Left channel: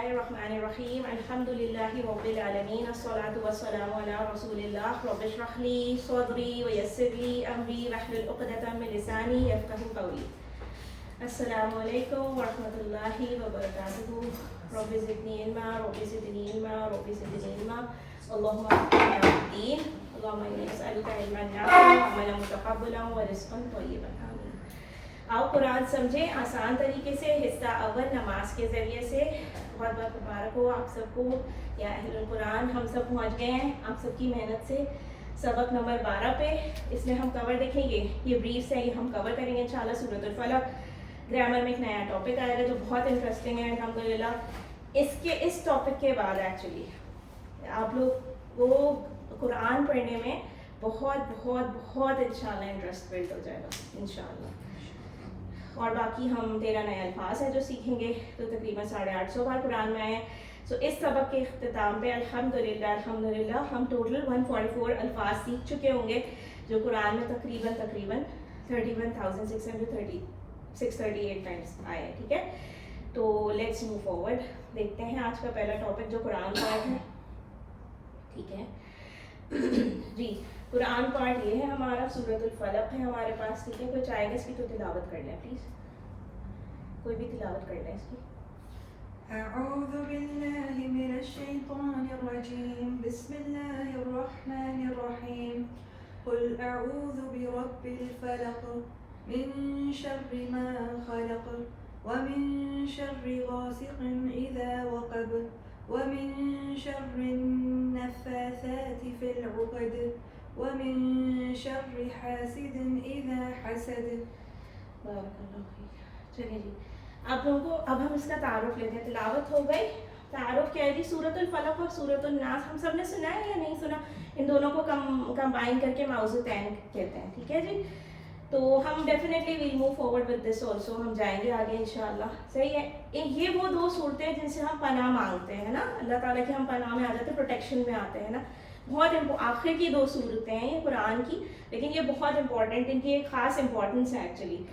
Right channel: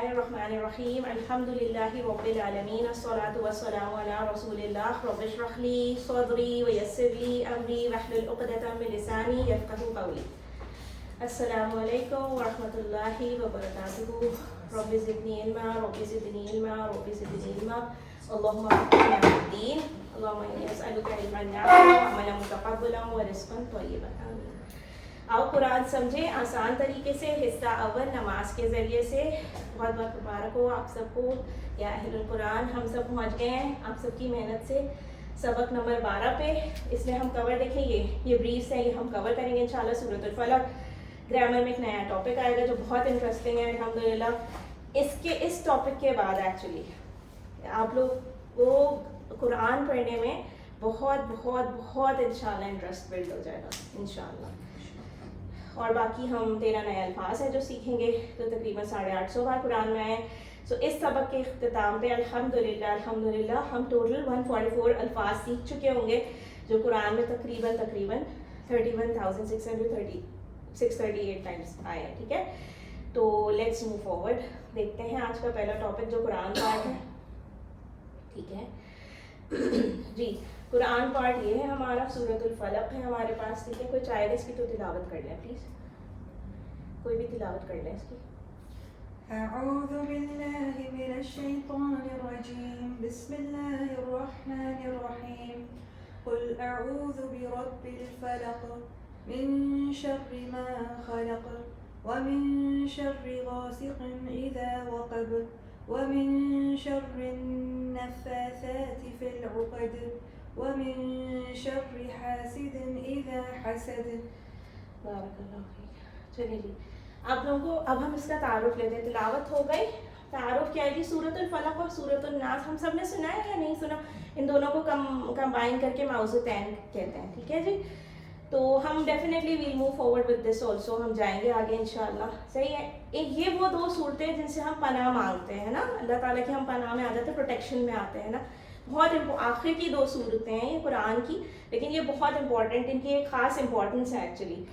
اللہ الرحمن الرحیم الحمد للہ رب العالمین الصلاۃ والسلام علی رسول اللہ رب اشرح لی صدری ویسر لی امری واحلل عقدۃ من لسانی یفقہوا قولی. السلام علیکم ورحمۃ اللہ وبرکاتہ. رب زدنی علما رب زدنی علما رب زدنی علما. اللہم فقہنا فی الدین. اللہم انی اسألک علما نافعا وعملا متقبلا ورزقا طیبا. آمین. آؤ قرآن سمجھیں آسان طریقے سے. حصہ اول نماز کے ذریعے سے. بہت بہت مبارک ہو آپ سب کو یا اہل القرآن. ہم سب پہنچ گئے ہیں آپ سب کی محنت سے سبق نمبر 12 پہ. اس لیے ہم کور دیکھیں گے, یہ بریفس ہے, یہ ہم کور کریں گے انشاءاللہ. سورۃ الفلق. گرامر میں ایک نیا ٹاپک آئے گا جو بہت انٹرسٹنگ ہے الحمدللہ. اس ٹاپک کے بعد ایکچولی آپ لوگ کو قرآن پڑھنے میں بہت بہت بہت انشاءاللہ انٹرسٹ بلڈ ہو جائے گا انشاءاللہ. اور باقی ہم 13 نئے الفاظ ہیں جو سیکھیں گے, تو تقریباً 850 بار قرآن میں آئے. سو اس سبق کے اختتام پہ الحمدللہ ہم ٹوٹل 144 الفاظ سیکھ چکے ہوں گے جو قرآن میں تقریباً 31,638 ٹائمس آئے ہیں. ٹھیک ہے, تو لیٹس موو فارورڈ. دیکھتے ہیں آج کا پہلا ٹاپک جو قرآن پارٹ ہے. ٹھیک ہے جی, قرآن پارٹ یہ ہے ہمارا, سورۃ الفلق ہے ہمارے پاس. ٹھیک ہے, کوئی چاہے گا اس کی تو تلاوت کر لیں پلیز. کوئی بھی تلاوت کر لیں اس کی. اعوذ باللہ من الشیطان الرجیم. بسم اللہ الرحمن الرحیم. قل اعوذ برب الفلق من شر ما خلق ومن شر غاسق اذا وقب ومن شر النفاثات في العقد ومن شر حاسد اذا حسد. بارک اللہ فیک. چلیے جی, آپ لوگوں کو اب ہم اس کا تعارف لیتے ہیں. تلاوت ہو گئی. تعارف کیا ہے جی؟ سورۃ الفلق اور سورۃ الناس ہم سب نے سنا ہے یا نہیں سنا؟ ان دونوں کو کمبائن کر کے موضوعین کہتے ہیں. ٹھیک ہے جی, تو ہم definitely will move forward with this also. ہم جائیں گے آگے انشاءاللہ. صحیح ہے, یہ وہ دو صورتیں ہیں جن سے ہم پناہ مانگتے ہیں نا, اللہ تعالیٰ کی ہم پناہ میں آ جاتے ہیں, پروٹیکشن میں آتے ہیں نا. بہت آخر کی دو صورتیں ہیں یہ قرآن کی, لیکن یہ بہت امپورٹنٹ, ان کی ایک خاص امپورٹنس ہے ایکچولی.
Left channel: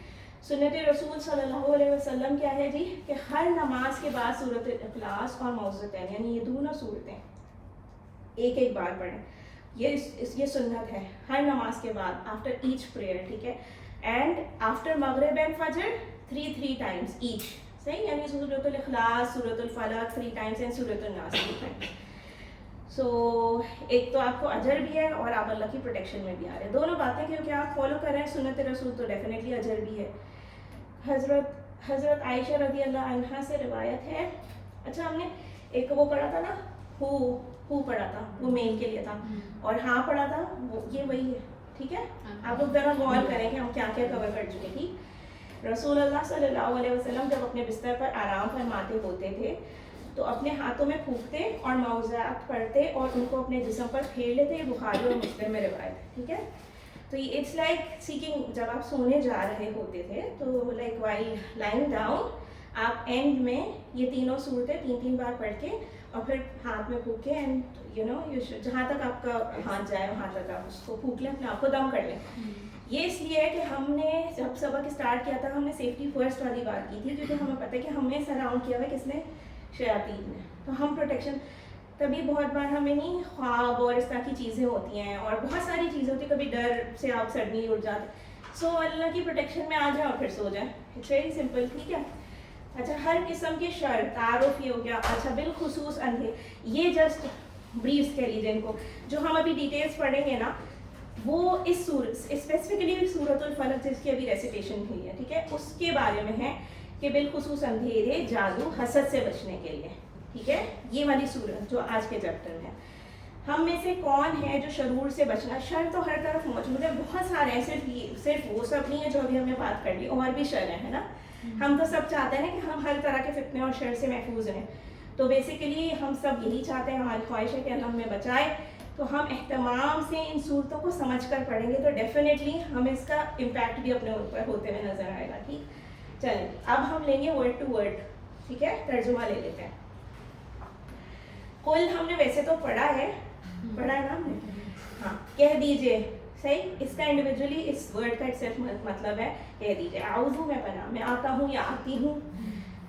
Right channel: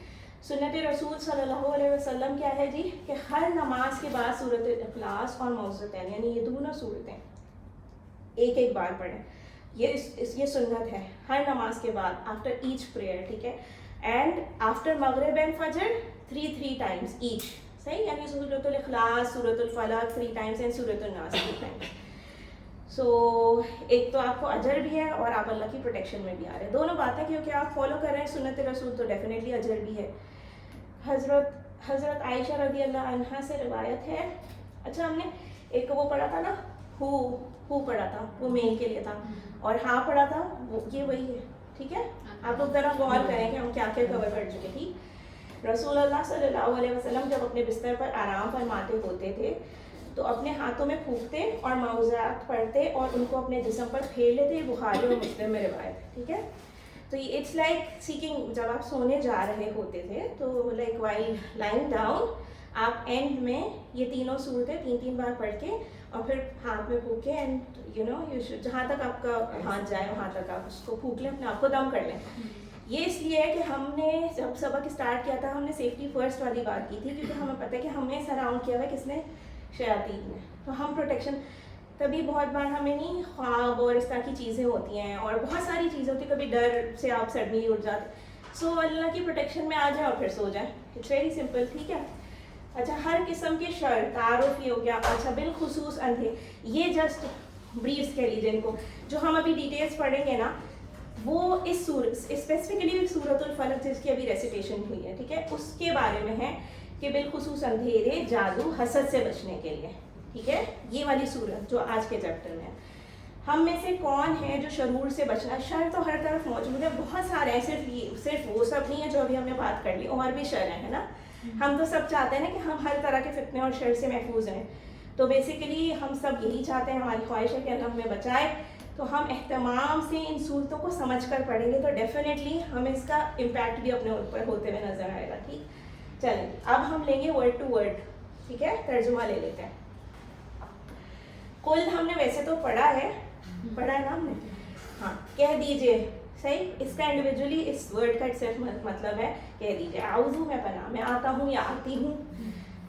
سنت رسول صلی اللہ علیہ وسلم کیا ہے جی کہ ہر نماز کے بعد سورۃ الاخلاص اور معوذتین یعنی یہ دونوں صورتیں ایک بار پڑھیں. یہ سنت ہے ہر نماز کے بعد آفٹر ایچ پریئر. ٹھیک ہے, اینڈ آفٹر مغرب اینڈ فجر 3 times ایچ. صحیح, یعنی سورۃ الاخلاص, سورۃ الفلق 3 times اینڈ سورۃ الناس 3 times. سو ایک تو آپ کو اجر بھی ہے اور آپ اللہ کی پروٹیکشن میں بھی آ رہے ہیں. دونوں باتیں کیونکہ آپ فالو کر رہے ہیں سنت رسول تو ڈیفینیٹلی اجر بھی ہے. حضرت عائشہ رضی اللہ عنہا سے روایت ہے. اچھا, ہم نے ایک وہ پڑھا تھا نا, ہو پڑھا تھا, وہ میل کے لیے تھا, اور ہاں پڑھا تھا, وہ یہ وہی ہے. ٹھیک ہے, آپ لوگ ذرا غور کریں کہ ہم کیا کیا کور کر چکے. ٹھیک, رسول اللہ صلی اللہ علیہ وسلم جب اپنے بستر پر آرام فرماتے ہوتے تھے تو اپنے ہاتھوں میں پھونکتے اور معوذات پڑھتے اور ان کو اپنے جسم پر پھیر لیتے. بخاری اور مسلم میں روایت. ٹھیک ہے, تو یہ اٹس لائک سیکنگ. جب آپ سونے جا رہے ہوتے تھے تو لائک وائل لائنگ ڈاؤن آپ اینڈ میں یہ تینوں صورتیں 3 بار پڑھ کے اور پھر ہاتھ میں پھونکے, اینڈ یو شوڈ جہاں تک آپ کا ہاتھ جائے وہاں تک آپ اس کو پھونک لیں, اپنے آپ کو دم کر لیں. یہ اس لیے ہے کہ ہم نے جب سبق اسٹارٹ کیا تھا ہم نے سیفٹی فرسٹ والی بات کی تھی, کیونکہ ہمیں پتہ ہے کہ ہمیں سراؤنڈ کیا ہوا ہے کس نے, شیاطین نے. تو ہم پروٹیکشن تبھی بہت بار ہمیں نہیں خواب اور اس طرح کی چیزیں ہوتی ہیں اور بہت ساری چیزیں ہوتی ہیں, کبھی ڈر سے آپ سڈنلی اٹھ جاتے. سو اللہ کی پروٹیکشن میں آ جائیں اور پھر سو جائیں. It's very simple. ٹھیک ہے, اچھا, ہر قسم کے شر تعارف ہی ہو گیا. اچھا, بالخصوص اندھے, یہ جسٹ بریفس کہہ لیجیے ان کو, جو ہم ابھی ڈیٹیلس پڑھیں گے نا وہ اس صورت اسپیسیفکلی سورۃ الفلق جس کی ابھی ریسیٹیشن ہوئی ہے. ٹھیک ہے, اس کے بارے میں ہے کہ بالخصوص اندھیرے, جادو, حسد سے بچنے کے لیے. ٹھیک ہے, یہ والی صورت جو آج کے چیپٹر میں ہے. ہم میں سے کون ہے جو شرور سے بچنا؟ شر تو ہر طرف موجود ہے, بہت سارے ہیں, صرف وہ سب نہیں ہے جو ابھی ہم نے بات کر لی, اور بھی شر ہیں نا. ہم تو سب چاہتے ہیں نا کہ ہم ہر طرح کے فتنے اور شر سے محفوظ ہیں. تو بیسیکلی ہم سب یہی چاہتے ہیں, ہماری خواہش ہے کہ اللہ ہمیں بچائے. تو ہم اہتمام سے ان صورتوں کو سمجھ کر پڑھیں گے تو ڈیفینیٹلی ہمیں اس کا امپیکٹ بھی اپنے اوپر ہوتے ہوئے نظر آئے گا. ٹھیک, چلیں اب ہم لیں گے ورڈ ٹو ورڈ. ٹھیک ہے, ترجمہ لے لیتے ہیں. کل ہم نے ویسے تو پڑھا ہے نا, ہاں, کہہ دیجئے. صحیح, اس کا انڈیویجولی اس ورڈ کا صرف مطلب ہے کہہ دیجئے. اعوذ میں پناہ, میں آتا ہوں یا آتی ہوں.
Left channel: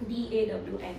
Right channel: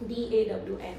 DAWN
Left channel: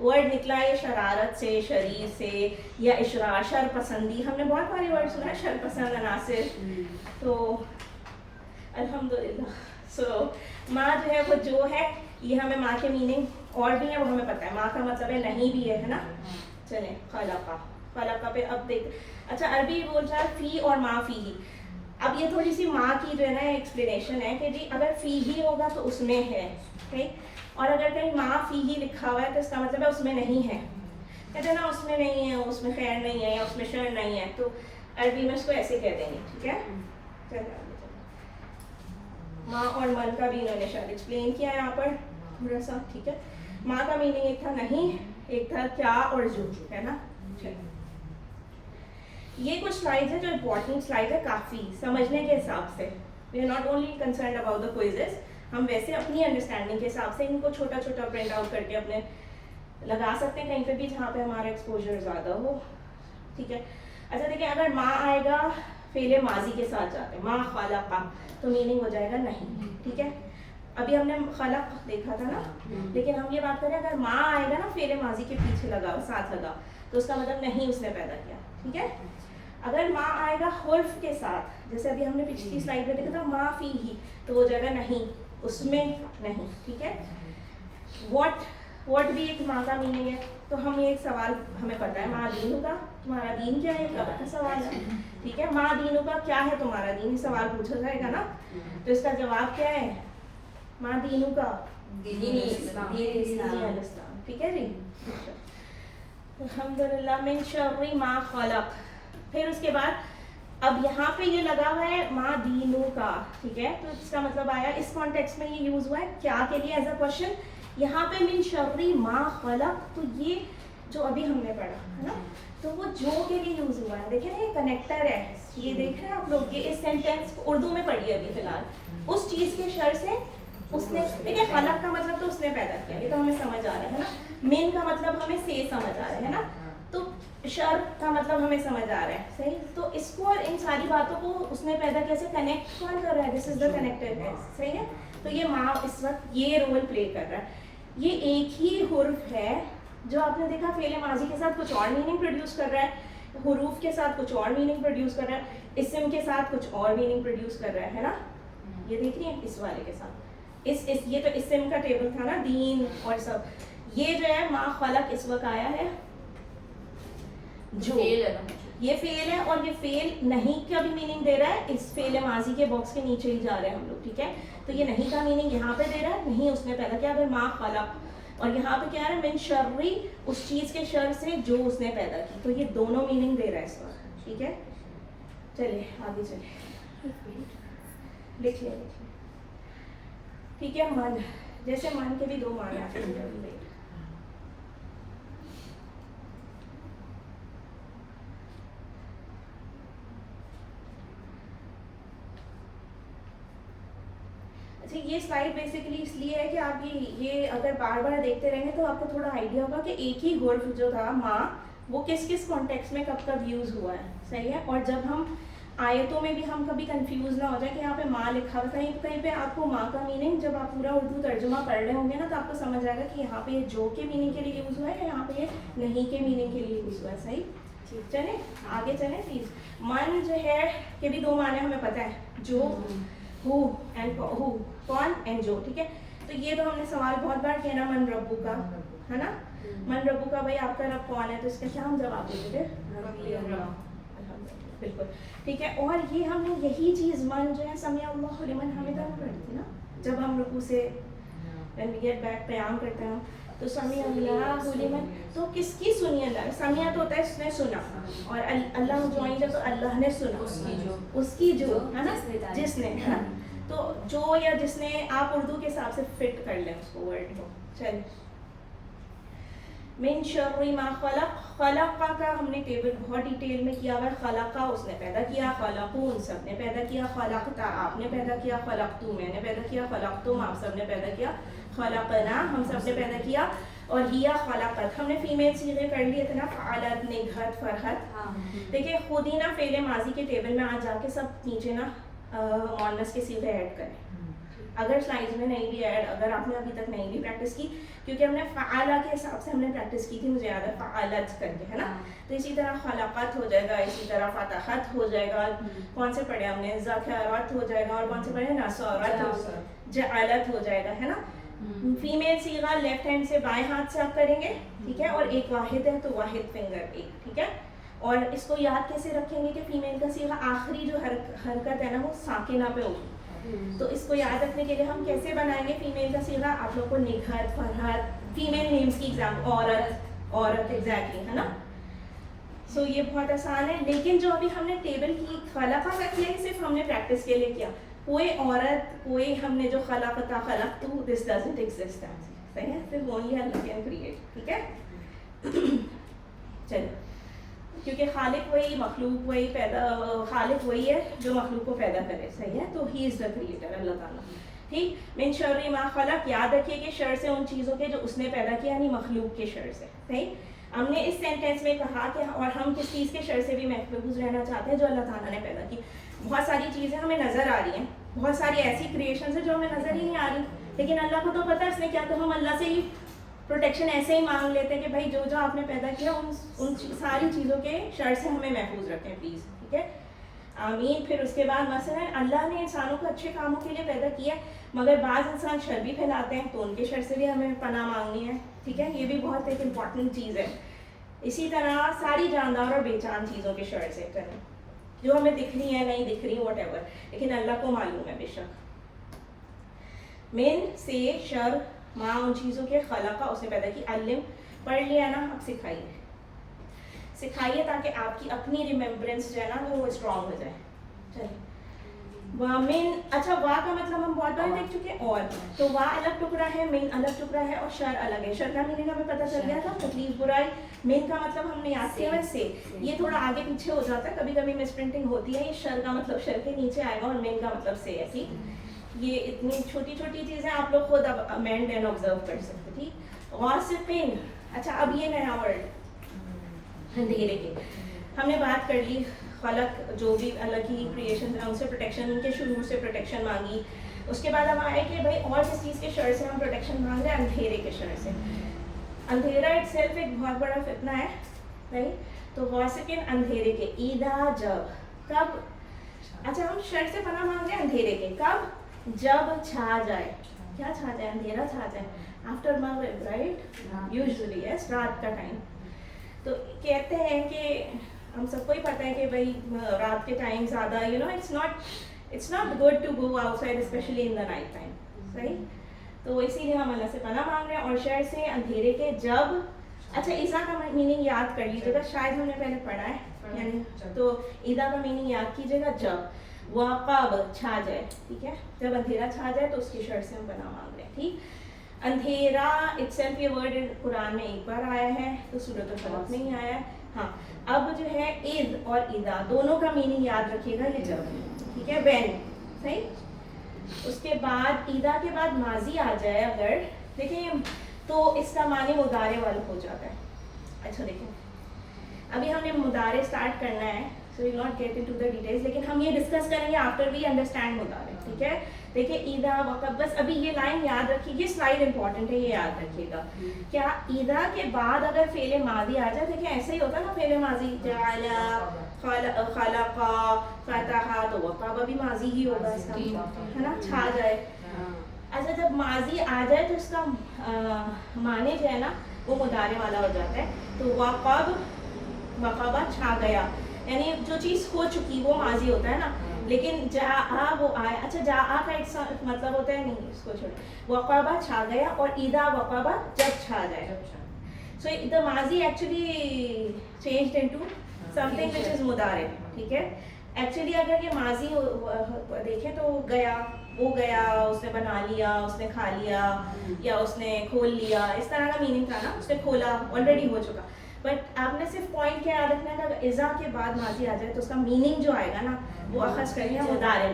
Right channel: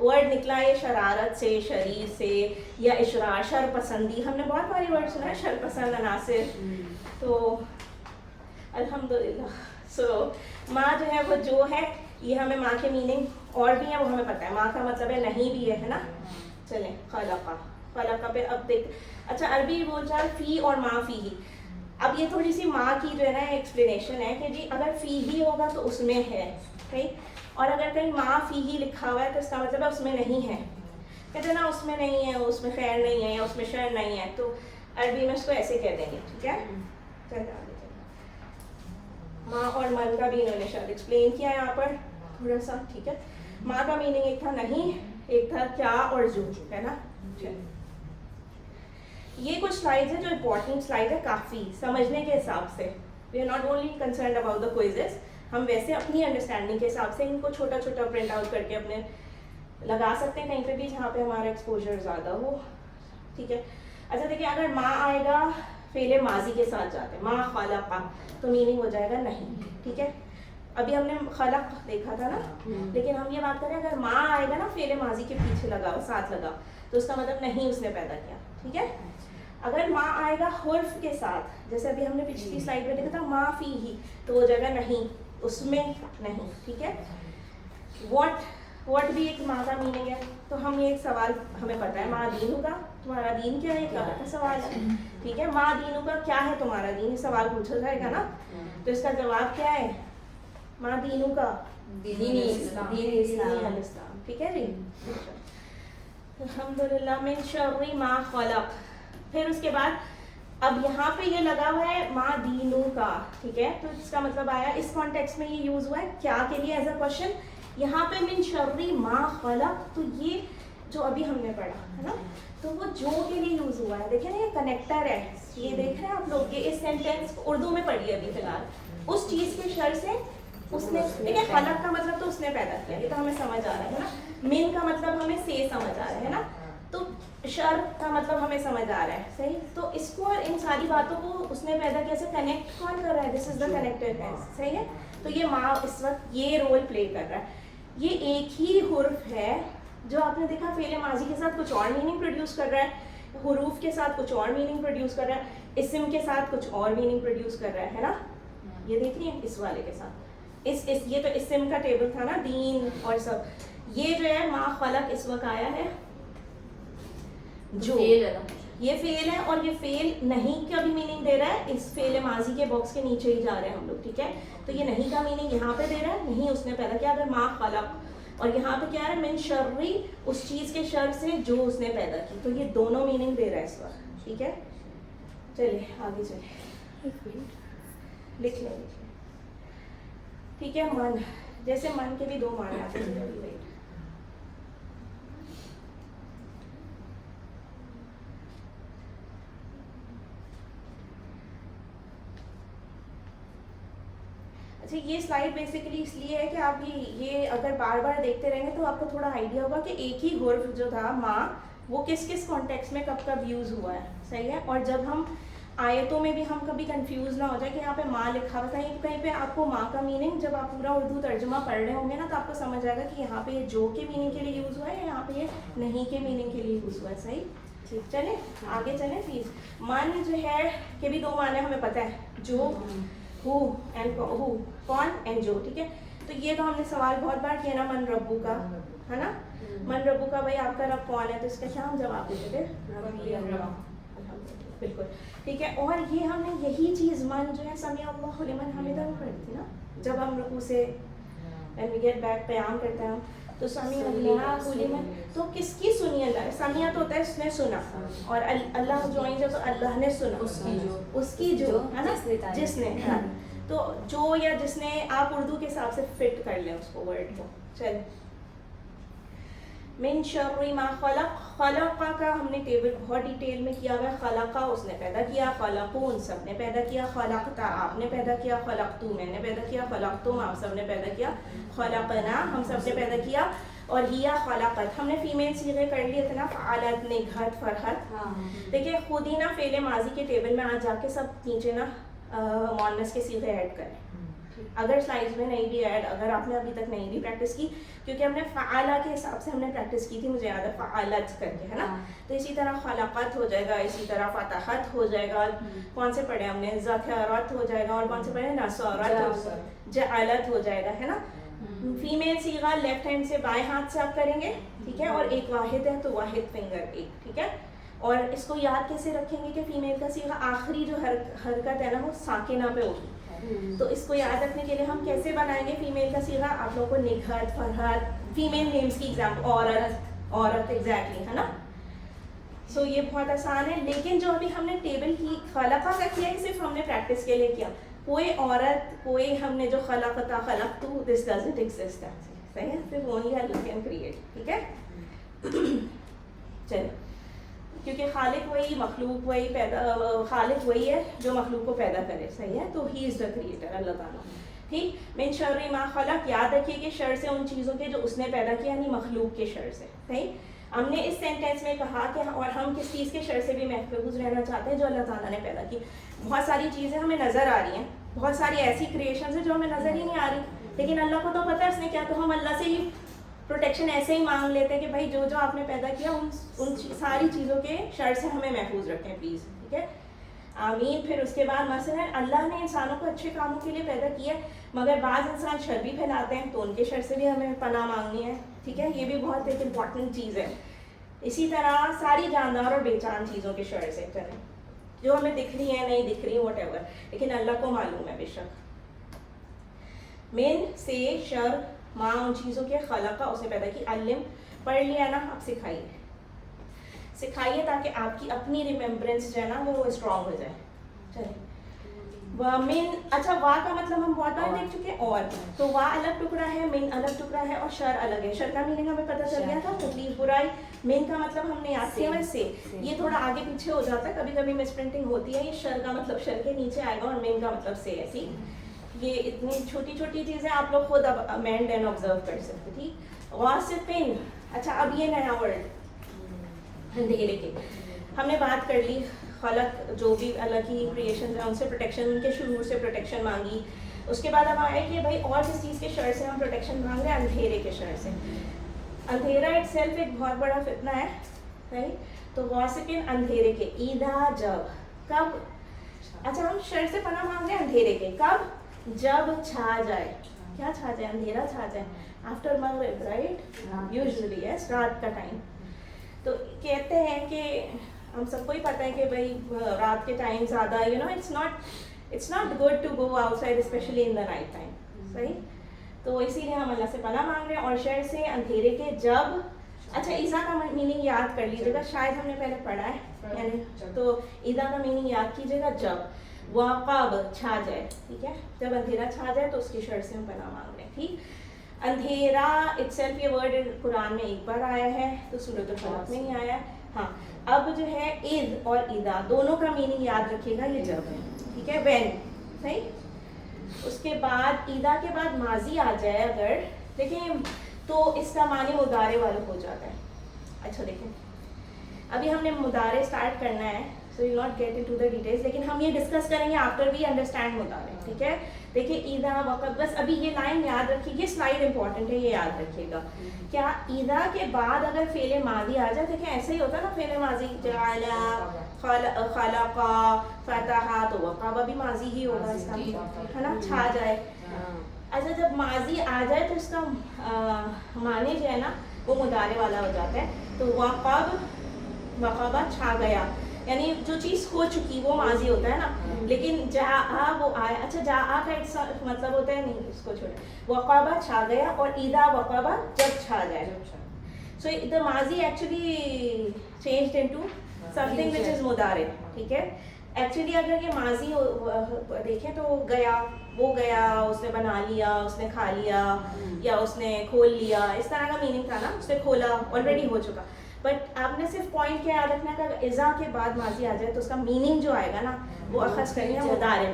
ورڈ نکلا ہے شرارت سے, شریر سے, یا اشرار, شر پسندی. ہم نے بہت باری ورڈ سنا ہے, شر پسند عناصر. تو الحمدللہ. سو ماں جو ہے وہ جو ہے, یہ ہمیں ماں کے میننگ اور بھی ہیں وہ ہمیں پتہ ہے. ماں کا مطلب ہے نہیں بھی ہے نا. چلیں خلقہ, خلقہ پہ اب دیکھ. اچھا عربی بول چال فی اور ما فی ہی. اب یہ تھوڑی سی ماں کی جو ہے نا ایکسپلینیشن ہے کہ جی اگر فی ہی ہوگا تو اس میں ہے, اور اگر کہیں ما فی ہی لکھا ہوا ہے تو اس کا مطلب ہے اس میں نہیں ہے. کہتے ہیں نا اس میں نہیں ہے, اس میں خیر نہیں ہے, یا اس میں شر نہیں ہے, تو عربی میں اس کو ایسے کہہ دیں گے. ٹھیک ہے, ماں اور من کا بھی انہوں نے شاید ایکسپلین کیا ہے یہاں پر تھوڑا سا. ٹھیک ہے, ماں کا میننگ ایک تھا نہیں, ایک تھا کیا اور جو ہے نا. یہ کچھ سلائڈ ہیں جو امپورٹنٹ سلائڈ ہے کافی سمجھنے کے حساب سے. We are not only concerned about the quizzes, ہم ویسے اپنی انڈرسٹینڈنگ کے حساب سے ان کو چھوٹا چھوٹا پرنٹ آؤٹ کر کے اپنے لگا سکتے ہیں کہیں پہ بھی جہاں پہ ہمارا ایکسپوجر زیادہ ہو. ٹھیک ہے. اچھا دیکھیے, اگر ماں آئے گا فعل ماضی کے ساتھ جاتے ہیں, ماں خلق, تو میننگ ہو جائے گا نہیں. ٹھیک ہے, ابھی ہم نے خلق دیکھا تھا نا, لیکن ہم یہ بات کریں اگر ماں آئے گا نا فعل ماضی کے پیچھے لگا ساتھ لگا, تو اس کا مطلب نہیں اس نے پیدا کیا. ٹھیک ہے. اگر ماں آئے گا حرف کے ساتھ, جیسے ابھی ہم نے پچھلی سلائڈ میں دیکھا تھا ما فی ہی, تو وہ جگہ نہیں, اس میں نہیں. ٹھیک ہے. واٹ بھی ایک ماں کا میننگ ہے. تو ہم ایک سوال ہمیں پتہ ہے, ماں دینوں کا, تمہارا دین کیا ہے, کیا کا سوال ہے. ٹھیک ہے, ماں دینوں کا کیا ہے تمہارا دین, سوال پوچھا جائے گا نا, تو اس کا جواب کیا ہے, ماں دینوں کا دین اسلام. ٹھیک ہے جی. الحمدللہ. من شر ما خلق. پھر اس کے بعد اب یہاں پہ یہ لگا ہوا ہے ماں دینوں کا. ٹھیک ہے, تو اس کا مطلب آیا اس کانٹیکس میں یہ یوز ہوا ہے کیا کے لیے ایز اے کوشچن. یہاں پہ من شر ما خلق, تو یہ جو ابھی ہم نے پڑھا ہے نا, تو وہ جو کے لیے یوز ہوا ہے. دیکھیں یہ کنیکٹر ہے, یہ دیکھ رہے ہیں آپ لوگ, یہ اس سینٹینس اردو میں پڑھیے ابھی فی الحال. اس چیز کے شر سے اس نے, دیکھیں خلق کا مطلب تو اس نے پیدا کیا, یہ تو ہمیں سمجھ آ رہا ہے نا. من کا مطلب ہمیں سے سمجھ آ رہا ہے نا, تو شر کا مطلب ہمیں سمجھ آ رہا ہے. صحیح. تو اس کو اور ان ساری باتوں کو اس نے پیدا کیسے کنیکٹ کون کر رہا ہے, دس از دا کنیکٹڈنس. صحیح ہے. تو یہ ماں اس وقت یہ رول پلے کر رہا ہے. یہ ایک ہی حرف ہے جو آپ نے دیکھا فعل ماضی کے ساتھ کچھ اور میننگ پروڈیوس کر رہا ہے, حروف کے ساتھ کچھ اور میننگ پروڈیوس کر رہا ہے, اسم کے ساتھ کچھ اور میننگ پروڈیوس کر رہا ہے نا. یہ دیکھ رہی ہیں اس والے کے ساتھ, یہ تو اسم کا ٹیبل تھا نا, دین اور سب. یہ جو ہے ما خلق اس وقت آیا ہے جو, یہ فعل ہے, اور یہ فعل نہیں کا بھی میننگ دے رہا ہے. اس فعل ماضی کے باکس کے نیچے ہی جا رہے ہیں ہم لوگ. ٹھیک ہے. تو یہ نہیں کا میننگ یہاں پہ دے رہا ہے, نہیں اس نے پیدا کیا. اگر ما خلق, اور یہاں پہ کیا ہے من شرری, اس چیز کے شر سے جو اس نے پیدا کی. تو یہ دونوں میننگ دے رہا ہے اس وقت. ٹھیک ہے. چلے آگے چلے, لکھ لیں. ٹھیک ہے. من, جیسے من کے بھی دو معنی آتے ہیں. اچھا, یہ سلائڈ بیسیکلی اس لیے ہے کہ آپ یہ اگر بار بار دیکھتے رہیں گے تو آپ کو تھوڑا آئیڈیا ہوگا کہ ایک ہی حرف جو تھا ماں, وہ کس کس کانٹیکس میں کب کب یوز ہوا ہے. صحیح ہے. اور جب ہم آیتوں میں بھی ہم کبھی کنفیوز نہ ہو جائے کہ یہاں پہ ماں لکھا ہوا, کہیں پہ آپ کو ماں کا میننگ جب آپ پورا اردو ترجمہ پڑھ رہے ہوں گے نا, تو آپ کو سمجھ آئے گا کہ یہاں پہ جو کے میننگ کے لیے یوز ہوا ہے, یہاں پہ یہ نہیں کے میننگ کے لیے یوز ہوا ہے. صحیح. ٹھیک, چلیں آگے چلیں پلیز. من جو ہے کہ بھی دو معنی ہمیں پتہ ہے, جو ہو اینڈ ہو, کون اینڈ جو. ٹھیک ہے. تو یہ تو ہم نے سوال بہت بار کیا نا, من ربو کا ہے نا, من ربو کا, بھائی آپ کا رب کون ہے, تو اس کا کیا ہم جواب دے دیتے, بالکل. ٹھیک ہے. اور یہ ہم نے یہی چیز من جو ہے سمیع اللہ لمن حمدہ پڑھی تھی نا, جب ہم رکوع سے when we get back قیام کرتے ہیں تو سمیع اللہ لمن, تو کس کی سنی اللہ, سمیع تو ہوتا ہے اس نے سنا, اور اللہ جوائن جب تو اللہ نے سنا, اس کی جو ہے نا, جس نے ہے نا. تو جو یا جس نے, آپ اردو کے حساب سے فٹ کر لیں اس کو ورڈ کو. چلیے. من شر ما خلق, خلق کا ہم نے ٹیبل بہت ڈیٹیل میں کیا ہوا ہے. خلقہ اس نے پیدا کیا, خلقون سب نے پیدا کیا, خلقتا آپ نے پیدا کیا, خلقتو میں نے پیدا کیا, خلقتم آپ سب نے پیدا کیا, خلقنا ہم سب نے پیدا کیا, اور ہیا خلقت ہم نے فیمیل صیغے کر لیے تھے نا, فعلت, نگہت, فرحت. دیکھیے خود ہی نا فعل ماضی کے ٹیبل میں آج جا کے سب نیچے نا مؤنث کے صیغے ایڈ کریں. اگر سلائڈز میں نہیں بھی ایڈ، اگر آپ نے ابھی تک نہیں بھی پریکٹس کی، کیونکہ ہم نے فعالہ کے حساب سے ہم نے پریکٹس کی تھی، مجھے یاد ہے فعالت کر کے، ہے نا. تو اسی طرح خلقت ہو جائے گا، اسی طرح فتحت ہو جائے گا. کون سے پڑھے ہم نے؟ ذکرت ہو جائے گا، اور کون سے پڑھے؟ نصرت، جعلت ہو جائے گا، ہے نا. فیمیل صیغہ لیفٹ ہینڈ سے بائیں ہاتھ سے آپ کریں گے، ٹھیک ہے. اور ایک واحد ہے تو واحد فنگر ایک، ٹھیک ہے. اور اس کو یاد کیسے رکھیں گے کہ فیمیل کا صیغہ آخری جو حرکت ہے نا وہ ساکنہ پہ ہوگی. تو اس کو یاد رکھنے کے لیے ہم کیسے بنائیں گے فیمیل کا صیغہ؟ آپ لوگ کو نگہت، فرحت، فیمیل نیمز کی ایگزامپل، عورت ایگزیکٹلی، ہے نا. سو یہ بہت آسان ہے. لیکن جو ابھی ہم نے ٹیبل کی خلقہ کا کیا ہے صرف ہم نے پریکٹس کے لیے کیا. کوئی عورت، کوئی ہم نے جو خلقتا خلقتو، دس ڈزنٹ ایگزسٹ، صحیح ہے. صرف اونلی اللہ کین کریٹ، ٹھیک ہے. چلے، کیونکہ خالق وہی، مخلوق وہی، خالق وہی ہے جو مخلوق کو پیدا کرے، صحیح ہے. تو ہی از دا کریٹر، اللہ تعالیٰ. ٹھیک. من شر ما خلق، یاد رکھیے کہ شر سے ان چیزوں کے جو اس نے پیدا کیا، یعنی مخلوق کے شر سے. صحیح. ہم نے اس سینٹینس میں کہا کہ اور ہم کس چیز کے شر سے بھی محفوظ رہنا چاہتے ہیں؟ جو اللہ تعالیٰ نے پیدا کی. بہت ساری چیزیں ہمیں نظر آ رہی ہیں، بہت ساری ایسی کریشنز ہیں جو ہمیں نظر ہی نہیں آ رہی، لیکن اللہ کو تو پتہ ہے اس نے کیا. تو ہم اللہ سے ہی پروٹیکشن ایسے ہی مانگ لیتے ہیں کہ بھائی جو آپ نے پیدا کیا ان ساری چیزوں کے شر سے ہمیں محفوظ رکھیں پلیز، ٹھیک ہے. آمین. پھر اس کے بعد مثلا اللہ نے انسانوں کو اچھے کاموں کے لیے پیدا کیا، مگر بعض انسان شر بھی پھیلاتے ہیں، تو ان کے شر سے بھی ہمیں پناہ مانگنی ہے، ٹھیک ہے. یہ بھی بہت ایک امپورٹنٹ چیز ہے. اسی طرح ساری جاندار اور بے جان چیزوں کے شر سے، چلیں جو ہمیں دکھ رہی ہیں، نہیں دکھ رہی، واٹ ایور، لیکن اللہ کو معلوم ہے بے شک. من سے شر ماں ان چیزوں کے خلقہ، اس نے پیدا کی. علم پڑھ لیا نا، اب سکھائیے، سکھائیے تاکہ آپ کی اپنی ریممبرنس جو ہے نا وہ اسٹرانگ ہو جائے. چلیں. من، اچھا وا کا مطلب ہم بہت بار دیکھ چکے ہیں. اور تو وا الگ ٹکڑا ہے، من الگ ٹکڑا ہے، اور شر الگ ہے. شر کا میننگ ہمیں پتہ چل گیا تھا، تکلیف، برائی. من کا مطلب ہم نے یاد کیا ہے سے. یہ تھوڑا آگے پیچھے ہو جاتا ہے، کبھی کبھی مس پرنٹنگ ہوتی ہے. یہ شر کا مطلب شر کے نیچے آئے گا، اور من کا مطلب سے ہے. ٹھیک. یہ اتنی چھوٹی چھوٹی چیزیں آپ لوگ خود اب امینڈ اینڈ آبزرو کر سکتے. ٹھیک. غاسقین، اچھا اب یہ نیا ورڈ اندھیرے کے. ہم نے بات کر لی خلق، جو بھی اللہ کی کریشن ہے ان سے پروٹیکشن، ان کے شرور سے پروٹیکشن مانگی. اس کے بعد اب آئے کہ بھائی اور کس چیز کے شر سے ہم پروٹیکشن مانگ رہے ہیں؟ اندھیرے کے شر سے. اندھیرا اٹ سیلف ایک بہت بڑا فتنہ ہے، صحیح. تو غاسقین اندھیرے کے. اذا، جب، کب. اچھا ہم شر سے پناہ مانگ رہے ہیں اندھیرے کے، کب؟ جب چھا جائے. کیا چھا جائے؟ اندھیرا چھا جائے. آفٹر مغرب، رائٹ، یوزلی یس، رات کا ٹائم. تو کہتے ہیں کہ ہم سب کو ہی پتہ ہے کہ بھائی رات کے ٹائم زیادہ it's not good to go outside especially in the night time, صحیح. تو اسی لیے ہم اللہ سے پناہ مانگ رہے ہیں. اور شر سے اندھیرے کے جب. اچھا ایزا کا میننگ یاد کر لیجیے گا، شاید ہم نے پہلے پڑھا ہے، یعنی تو ایزا کا میننگ یاد کیجیے گا جب. وقب، چھا جائے، ٹھیک ہے. جب اندھیرا چھا جائے تو اس کی شر سے ہم پناہ مانگ رہے ہیں. ٹھیک. اندھیرا اٹ سیلف، یہ ورڈ قرآن میں ایک بار آیا ہے، تو سورۃ الفلق میں ہی آیا ہے. ہاں اب جو ہے اذ اور اذا دونوں کا میننگ یاد رکھیے گا، یہ جب ہے، ٹھیک ہے، وین، صحیح. اس کے بعد اذا کے بعد ماضی آ جائے اگر، دیکھیں تو اس کا معنی مضارع والا ہو جاتا ہے. اچھا دیکھیں ابھی ہم نے مضارع اسٹارٹ کرنا ہے، so we not get into the details, لیکن ہم یہ ڈسکس کریں گے آفٹر وی انڈرسٹینڈ مضارع، ٹھیک ہے. دیکھیے اذا وقت، بس ابھی یہ لائن یاد رکھیے، یہ سلائڈ امپورٹنٹ ہے، یہ یاد رکھیے گا. کیا اذا کے بعد اگر فعل ماضی آ جائے، دیکھیں ایسے ہی ہوتا ہے نا فعل ماضی، جعل، خلق، فتح، تو وقب بھی ماضی ہی ہوگا اس کا، ہے نا، چھا جائے. اچھا جب ماضی آ جائے تو اس کا معنی جو ہے نا وہ مضارع والا ہو جاتا ہے. تو وقب، چھا گیا، یعنی جو چیز ہو چکی وہ ماضی ہوتا ہے نا. لیکن جاء، وہ آیا. اچھا جاء کا ایک مطلب ہوتا ہے، نہیں اس کو چھوڑیں. وقب، چھا گیا، اور اذا وقب، جب چھا جائے. سو the ماضی actually changed into something which is مضارع، ٹھیک ہے. ایکچولی اگر یہ ماضی دیکھیں تو گیا، وہ گیا، اس نے بنا لیا، اس نے کھا لیا، یا اس نے کھول لیا، اس طرح کا میننگ تھا نا، اس نے کھولا، آلریڈی ہو چکا. بٹ آپ نے صرف پوائنٹ کیا یاد رکھنا ہے کہ اذا کے بعد ماضی آ جائے تو اس کا میننگ جو آئے گا نا وہ اخذ کرنی ہے مضارع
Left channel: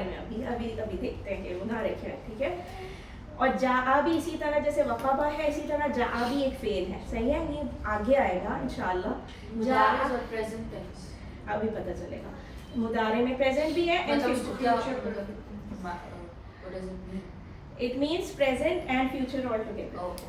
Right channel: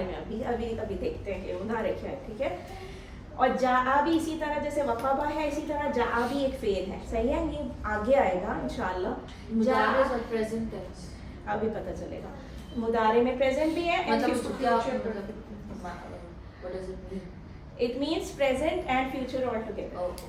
میں. ابھی دیکھتے ہیں کہ مضارع کیا ہے، ٹھیک ہے. اور جاء بھی اسی طرح جیسے وقب ہے، اسی طرح جاء بھی ایک فعل ہے، صحیح ہے. یہ آگے آئے گا انشاءاللہ. جاء ابھی پتہ چلے گا. مضارع میں پریزنٹ بھی ہے، What does it mean? It means present and future all together. Oh, okay.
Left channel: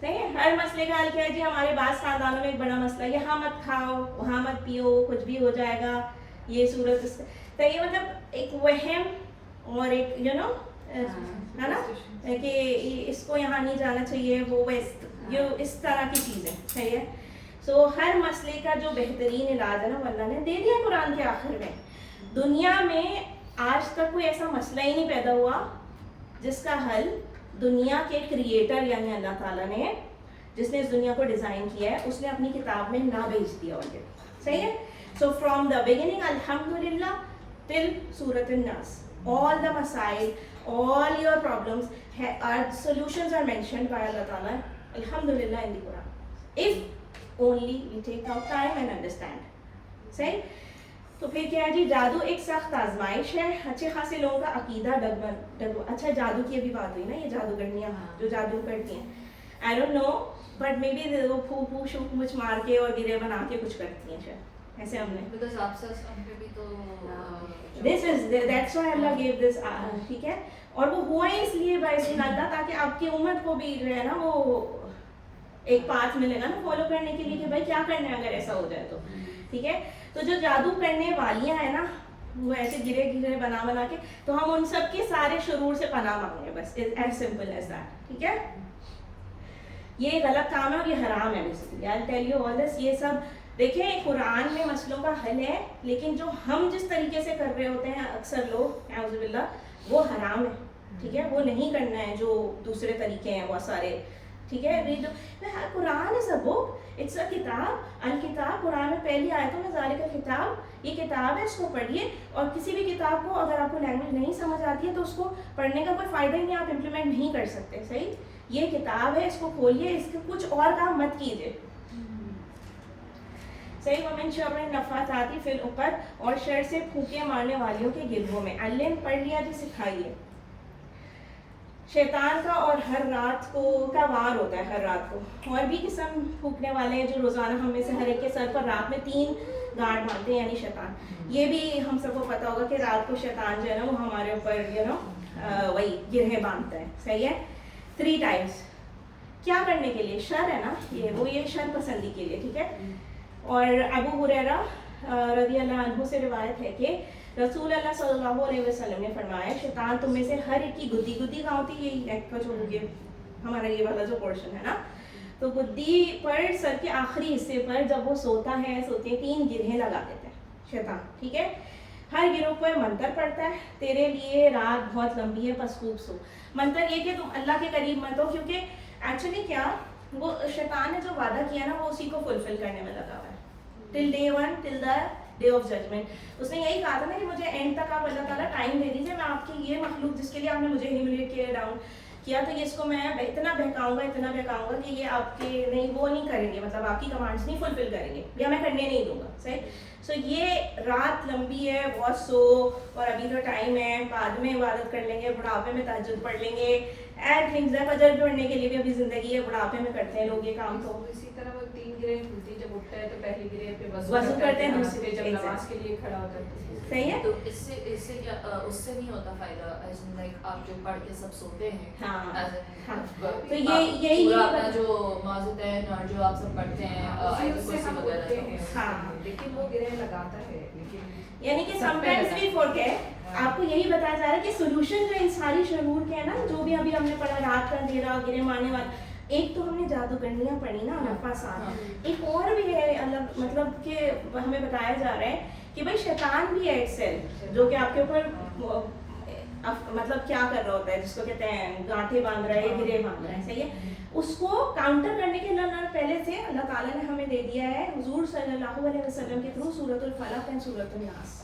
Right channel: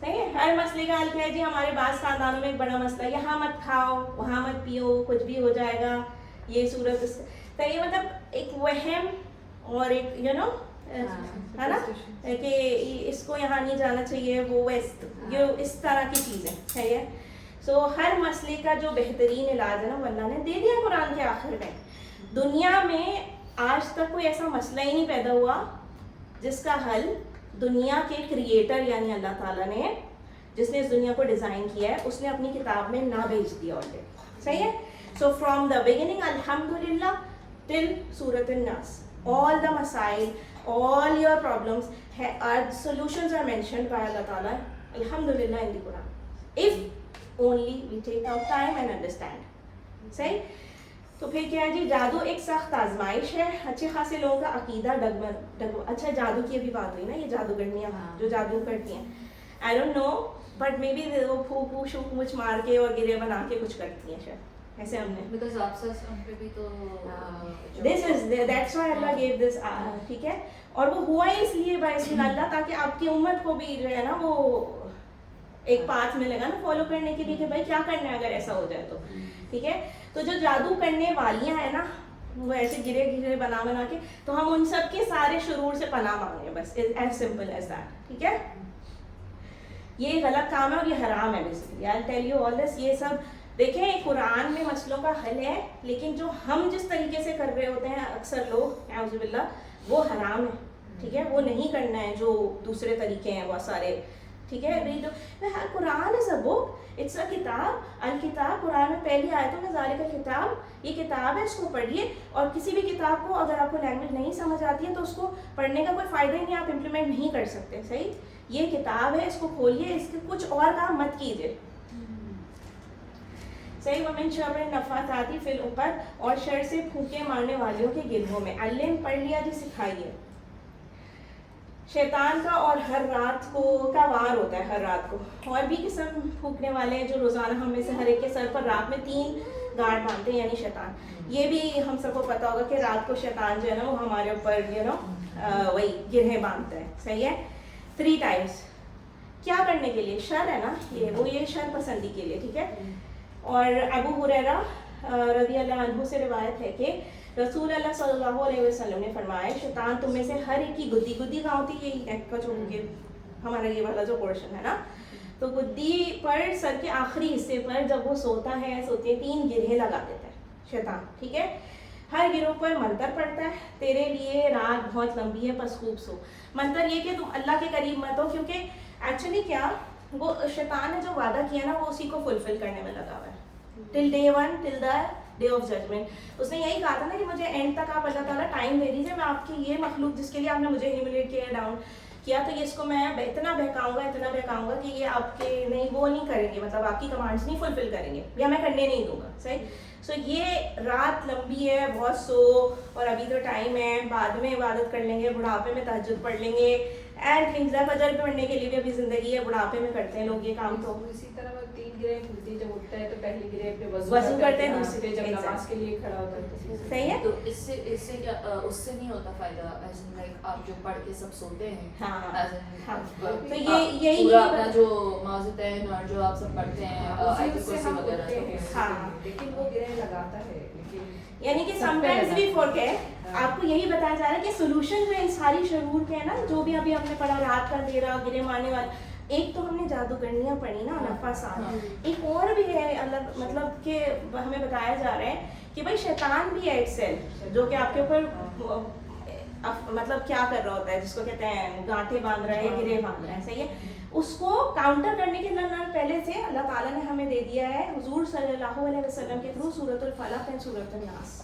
صحیح ہے. ہر مسئلے کا حل کیا ہے جی؟ ہمارے بعض خاندانوں میں ایک بڑا مسئلہ، یہاں مت کھاؤ، وہاں مت پیو، کچھ بھی ہو جائے گا، یہ صورت اس تو یہ مطلب ایک وہم اور ایک ہے نا کہ اس کو یہاں نہیں جانا چاہیے، وہ یہ اس طرح کی چیزیں. صحیح ہے. سو ہر مسئلے کا جو بہترین علاج ہے نا وہ اللہ نے دے دیا قرآن کے آخر میں. دنیا میں آج تک کوئی ایسا مسئلہ ہی نہیں پیدا ہوا جس کا حل دنیا کے کریٹر یعنی اللہ تعالیٰ نے، جس نے اس دنیا کو ڈیزائن کیا ہے، اس نے اپنی کتاب میں نہ بھیج دیا آلریڈی. صحیح ہے. سو فرام دا بگننگ الحمدللہ ٹل سورۃ الناس all the masail, all your problems solutions are mentioned by Allah Ta'ala alhamdulillah in the Quran, if only we take our time and understand. صحیح. تو پھر کیا ہے جی؟ جادو ایک سخت آزمائش ہے. اچھے خاصے لوگوں کا عقیدہ اچھا جادو کی ابھی بات ہوئی نا، یہ جادوگرنیاں جو جادو کرتی ہیں، I don't know but maybe وہ پھو شوک مچ مار کے اور گرے بنا کے کچھ کرتی ہیں شاید. ایسے ہم نے that's why Allah gave this. ٹھیک ہے. اور وہ ہوا ہی اس لیے باعث اللہ تاکہ آپ کی امت کو بھی جو ہے نا وہ ایک پاتھ ملے گا نا فالو کرنے کے لیے کہ بھائی کیا کرنا ہے اگر ایسا ہو جائے تو. ٹھیک ہے. تو جو جادو کرنے والیاں ہیں نا وہ ایسے گرے بنا کے، تو ہم ان سب کے سارے شرور سے پناہ مانگیں بس. As simple as that. ٹھیک ہے. یہ غلط کام ہے اور یہ حرام ہے basically. I'll tell you all this. یہ سب دیکھیں قرآن میں مسئلوں کا حل ہے، لیکن جو ہم جس طریقے سے کر رہے ہوتے ہیں اکثر لوگ اعوذ باللہ وہ حرام ہے. ٹھیک ہے. وہ نہیں کرنا ہے جو دوسرے طریقے ہیں بہت سارے. ٹھیک ہے. قرآن از اے بک، اٹس اے کتاب. الکتاب قرآن میں پہلی آیتوں میں ذالک الکتاب، یہ کتاب ہے، اس کو پڑھیے. اور کسی بھی کتاب کو اگر آپ کو لینگویج نہیں سمجھ آتی ہے تو اس کو پڑھنے کا کوئی فائدہ ہی نہیں، آپ امپلیمنٹ نہیں کر سکتے. صحیح. یہ کتاب ہے، اس کو کھولیے، اس کے کچھ اور کام مت کیجیے. صحیح. ومن شر النفاثات فی العقد، اور شر سے پھونکے مارنے والوں کے گروہوں میں. علم پڑھ لیا جی، سکھائیے. شیطان کا اور ہر رات کو کا وار ہوتا ہے، ہر رات کو. اور بھی قسم پھونکنے والے ہیں جو روزانہ ہم میں سے ہر ایک کے سر پر رات میں 3 گاڑ باندھتے ہیں، یعنی شیطان. یہ بھی ہم سب کو پتا ہوگا کہ رات کو شیطان جو ہے نا وہ ہمارے اوپر وہی گرہیں باندھتا ہے. صحیح ہے. 3 times. کیا کرنے کے لیے؟ شر ہے نا یہ شر پسندی کے لیے. ٹھیک ہے. اور ابو ہریرہ رضی اللہ عنہ سے روایت ہے کہ رسول اللہ صلی اللہ علیہ وسلم نے فرمایا شیطان تم میں سے ہر ایک کی گدی کہاں ہوتی ہے؟ یہ نیک کا جو ہمارا یہ والا جو پورشن ہے نا، تو گدی پر سر کے آخری حصے پر جب وہ سوتا ہے سوتے 3 گرہیں لگا دیتا ہے شیطان. ٹھیک ہے. ہر گروہ پر منتر پڑتا ہے، تیرے لیے رات بہت لمبی ہے پس خوب سو. منتر یہ کہ تم اللہ کے قریب مت ہو، کیونکہ ایکچولی کیا وہ شیطان نے جو وعدہ کیا نا وہ اسی کو فلفل کرنے میں لگا ہوا ہے. Till day 1 till the day of judgment. اس نے یہی کہا تھا نا کہ مجھے اینڈ تک آپ اللہ تعالیٰ ٹائم دے دیجیے، میں آپ کی یہ مخلوق جس کے لیے آپ نے مجھے ہیوملیٹ کیا ڈاؤن کیا تو یہ اس کو میں اتنا بہکاؤں گا کہ یہ آپ کے نہیں وہ نہیں کریں گے، مطلب آپ کی کمانڈس نہیں فلفل کریں گے یا میں کرنے نہیں دوں گا. صحیح. سو یہ رات لمبی ہے، بہت سو، اور ابھی تو ٹائم ہے، بعد میں عبادت کر لیں گے، بڑھاپے میں تہجد پڑھ لیں گے اینڈ تھنگز ہے. فجر پڑھنے کے لیے بھی ابھی زندگی ہے، بڑھاپے میں کرتے ہیں لوگ یہ کام. تو اسی طرح وہ 3 گرہیں کھلتی ہے، جب اٹھتا ہے تو پہلی گرہ پہ وضو کرتے ہیں، دوسرے جب نماز کے لیے کھڑا ہوتا ہے. صحیح ہے. تو اس سے کیا اس سے نہیں ہوتا فائدہ؟ آپ جو پڑھ کے سب سوتے ہیں، ہاں تو یہی اپنا جو معذتین اور جو آپ سب پڑھتے ہیں لیکن وہ گرہ لگاتا ہے. یعنی کہ سم ٹائمز بھی فورک ہے. آپ کو یہی بتایا جا رہا ہے کہ سولوشن جو ان ساری شرور کے ہے نا، جو بھی ابھی ہم نے پڑھا رات کا اندھیرا، گرے مارنے والا، ایک تو ہم نے جادوگرنیاں پڑھی نا نفاسان، ایک اور بھی ہے اللہ مطلب کہ ہمیں بتایا جا رہا ہے کہ بھائی شیطان بھی ہے ایک سیل جو کہ آپ کے اوپر مطلب کیا کر رہا ہوتا ہے، جس کو کہتے ہیں گانٹھے باندھ رہا ہے یا گرے باندھ رہا ہے. صحیح ہے. اس کو کاؤنٹر کرنے کے لیے پہلے سے اللہ تعالیٰ نے ہمیں دے دیا ہے حضور صلی اللہ علیہ وسلم کے تھرو سورۃ الفلق اور سورۃ الناس.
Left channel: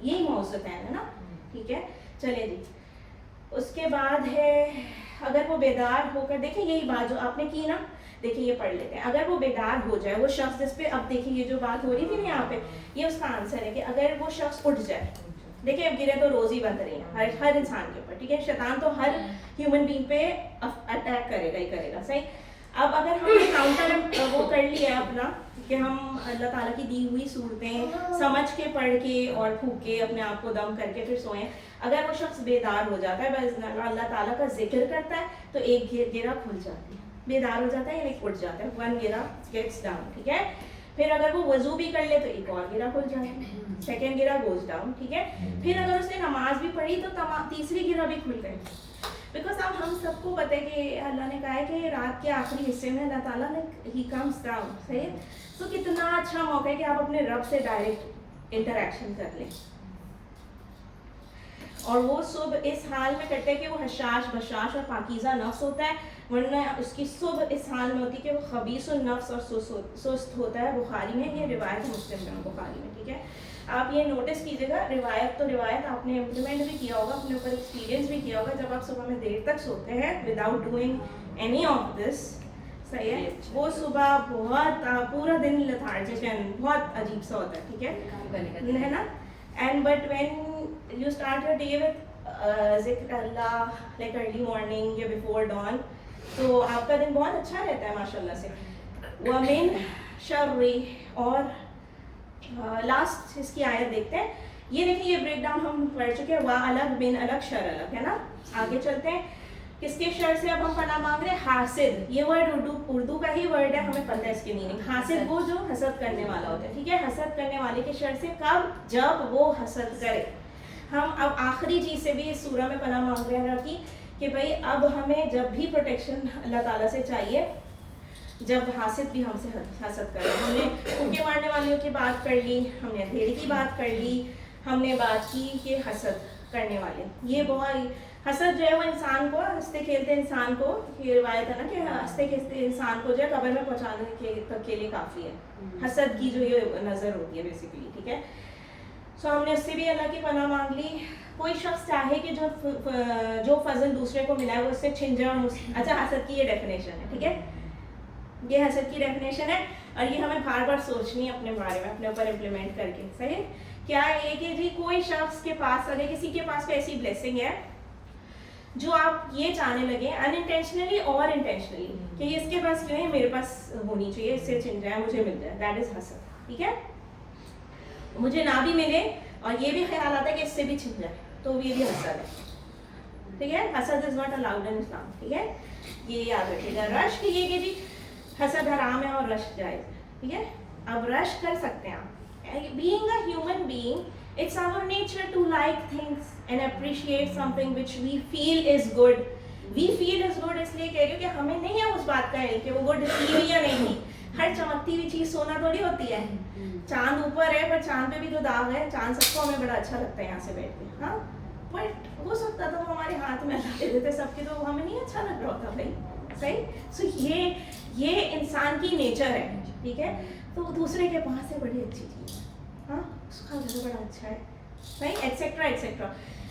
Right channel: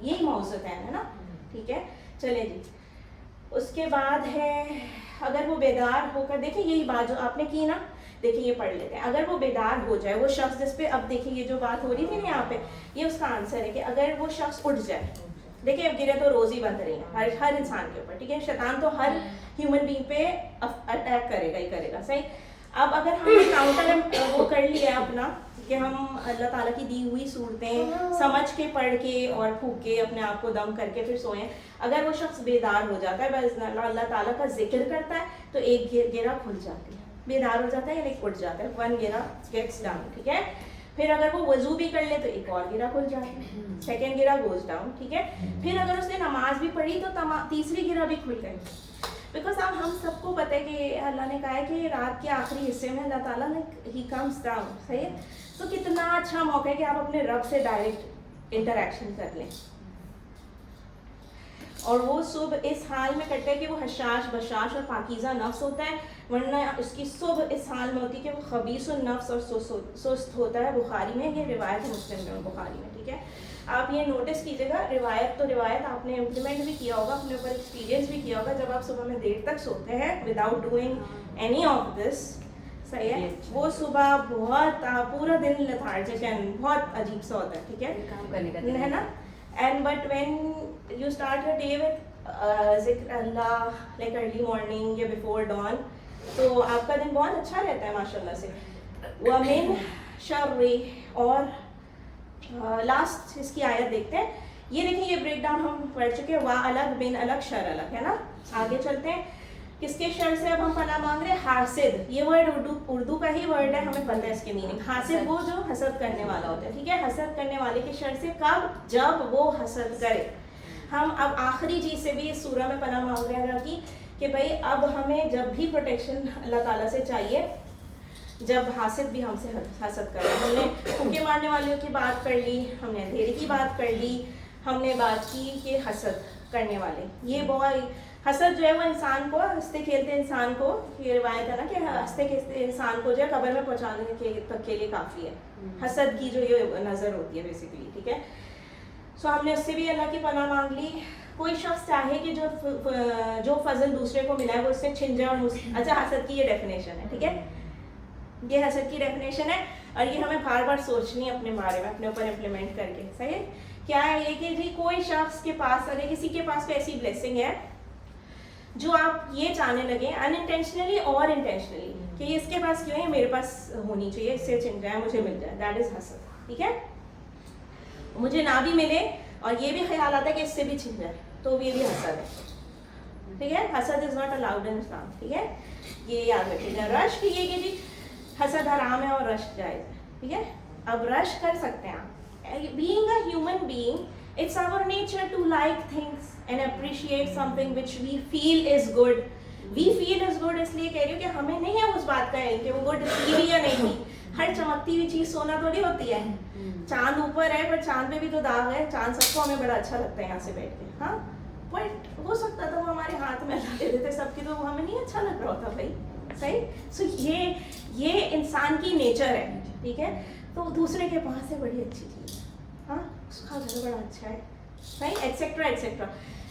یہی موضوعات ہے نا. ٹھیک ہے. چلے جی. اس کے بعد ہے اگر وہ بیدار ہو کر دیکھیں، یہی بات جو آپ نے کی نا، دیکھیں یہ پڑھ لیتے ہیں. اگر وہ بیدار ہو جائے وہ شخص جس پہ اب دیکھیں یہ جو بات ہو رہی تھی نا یہاں پہ، یہ اس کا آنسر ہے کہ اگر وہ شخص اٹھ جائے. دیکھیں اب گرے تو روز ہی بن رہی ہیں ہر انسان کے اوپر. ٹھیک ہے. شیطان تو ہر ہیومن بینگ پہ اٹیک کرے گا ہی کرے گا. صحیح. اب اگر ہم نے کاؤنٹر وہ کر لیا اپنا کہ ہم اللہ تعالیٰ کی دی ہوئی صورتیں سمجھ کے پڑھ کے اور پھونک کے اپنے آپ کو دم کر کے پھر سوئیں، اگر وہ شخص بیدار ہو جاتا ہے بس اللہ تعالیٰ کا ذکر کرتا ہے تو ایک گرہ کھل جاتی ہے. بیدار ہو جاتا ہے یعنی اٹھ جاتا ہے, 1 گرہ گیٹس ڈاؤن, ٹھیک ہے. پھر اگر وہ وضو بھی کر لے تو ایک اور گرہ کھل جاتا ہے, سیکنڈ گرہ گوز ڈاؤن, ٹھیک ہے. پھر اگر اس نے نماز بھی پڑھی تو تیسری گرہ بھی کھل گئی. بیکاز اب ہم سب کو پتہ ہے کہ اللہ نے کہا ہے کہ رات کے آخری حصے میں اللہ تعالیٰ نے ہی کمز ڈاؤن, صحیح ہے. تو کتنا اچھا موقع ہے کہ آپ اپنے رب سے ڈائریکٹ انٹریکشن کر لیں. اور وہ صبح اس حال میں کرتے ہیں کہ وہ حشاش بشاش اور پاکیزہ نفس ہوتا ہے, ورنہ اس کی صبح اس حال میں ہوتی ہے کہ وہ خبیث النفس اور سست ہوتا ہے. بخاری میں یہ روایت مسلم میں بخاری میں, ٹھیک ہے. آپ یہ نوٹس کیجیے گا, روایت تو روایت آپ نے امپلیمنٹ بھی کیا ہوگا, اپنے اوپر ایکسپیرینس بھی کیا ہوگا. جب آپ صبح میں دیر تک سوتے ہیں without doing any of this, صحیح ہے, وہ صبح بہت پورا دن لیتھارجک اینڈ بہت عجیب سا ہوتا ہے, ٹھیک ہے نا. And but when you start your day with ذکر اللہ like early morning یا before dawn, تو آپ کا دن بہت اچھا رہتا ہے ماشاء اللہ سے. وَمِن شَرِّ, اور لاسٹ اس کی آیت دیکھتے ہیں. یہ دیکھیں یہ بریک ڈاؤن ہم پڑھ چکے ہیں, وا الگ بن الگ شر الگ, ہے نا. آگے چلتے ہیں, کس کے شر سے اب ہم پناہ مانگ رہے ہیں؟ حاسد. یہ ورڈ اردو کا ہی ورڈ ہے, ہمیں پتہ ہے اس کی میننگ. حاسد وہ جو حسد کرنے والا ہوتا ہے, ٹھیک ہے. حسد کرنے والے کے شر سے کب؟ جب وہ حسد کرے. ہم اب آخری چیز سے بھی اس سورہ میں پناہ مانگ رہے ہیں اللہ کی کہ بھائی اب ہمیں جب بھی پروٹیکشن اللہ تعالیٰ سے چاہیے جب حاسد بھی ہم سے حسد کرے. ہم نے پھونکے مارنے والوں کی بات کر لی, ہم نے اندھیرے کی بات کر لی, ہم نے بات کی کہ حسد کرنے والے. یہ بہت حسد جو ہے وہ انسان کو, ہنستے کھیلتے انسان کو, یہ روایت ہے نا کہ ہنستے کھیلتے انسان کو جو ہے قبر میں پہنچانے کے لیے کافی ہے حسد کی جو یہ نظر ہوتی ہے بیسیکلی, ٹھیک ہے. سو ہم نے اس سے بھی اللہ کی پناہ مانگ لی. کوئی شخص چاہے کہ جو فضل دوسرے کو ملا ہے وہ اس سے چھن جائے. اور اچھا, حسد کی یہ ڈیفینیشن ہے, ٹھیک ہے, یہ حسد کی ڈیفینیشن ہے, اور یہ ہمیں بار بار سوچنی ہے اپنے بارے میں, اپنے اوپر امپلیمنٹ کر کے, صحیح ہے. کیا ہے کہ جی کوئی شخص کے پاس, اگر کسی کے پاس کوئی ایسی بلیسنگ ہے جو آپ یہ چاہنے لگے انٹینشنلی اور انٹینشنلی کہ یہ اس کے پاس کیوں ہے, میرے پاس ہونی چاہیے, اس سے چھن جائے, مجھے مل جائے, دیٹ از حسد, ٹھیک ہے. مجھے نہ بھی ملے اور یہ بھی خیال آتا ہے کہ اس سے بھی چھن جائے, تو یہ بھی حسد ہے, ٹھیک ہے. حسد از ناٹ الاؤڈ ان اسلام, ٹھیک ہے, یہ یاد رکھیے گا. رشک, یہ کہ جی حسد حرام ہے اور رشک جائز ہے, ٹھیک ہے. اب رشک کر سکتے ہیں آپ. Being a human being, it's our nature to like things and appreciate something which we feel is good. We feel is good اس لیے کہہ رہی ہوں کہ ہمیں نہیں ہے اس بات کا ہے کہ وہ گڈ تھی ہوئی یا نہیں تھی. ہر چمکتی ہوئی چیز سونا تھوڑی ہوتی ہے. چاند اوپر ہے پر چاند پہ بھی تو داغ ہے. چاند سب کو ہمیں بڑا اچھا لگتا ہے یہاں سے بیٹھ کے, ہاں, بٹ ہو سکتا تھا ہمارے ہاتھ میں اللہ دے دیتے سب کی, تو ہمیں نہیں اچھا لگ رہا ہوتا بھائی, صحیح. سو یہ انسان کی نیچر ہے, ٹھیک ہے. تو دوسرے کے پاس ہے بڑی اچھی چیز, ہاں, اس کا گھر بڑا اچھا ہے, صحیح, ایٹسیٹرا ایٹسیٹرا.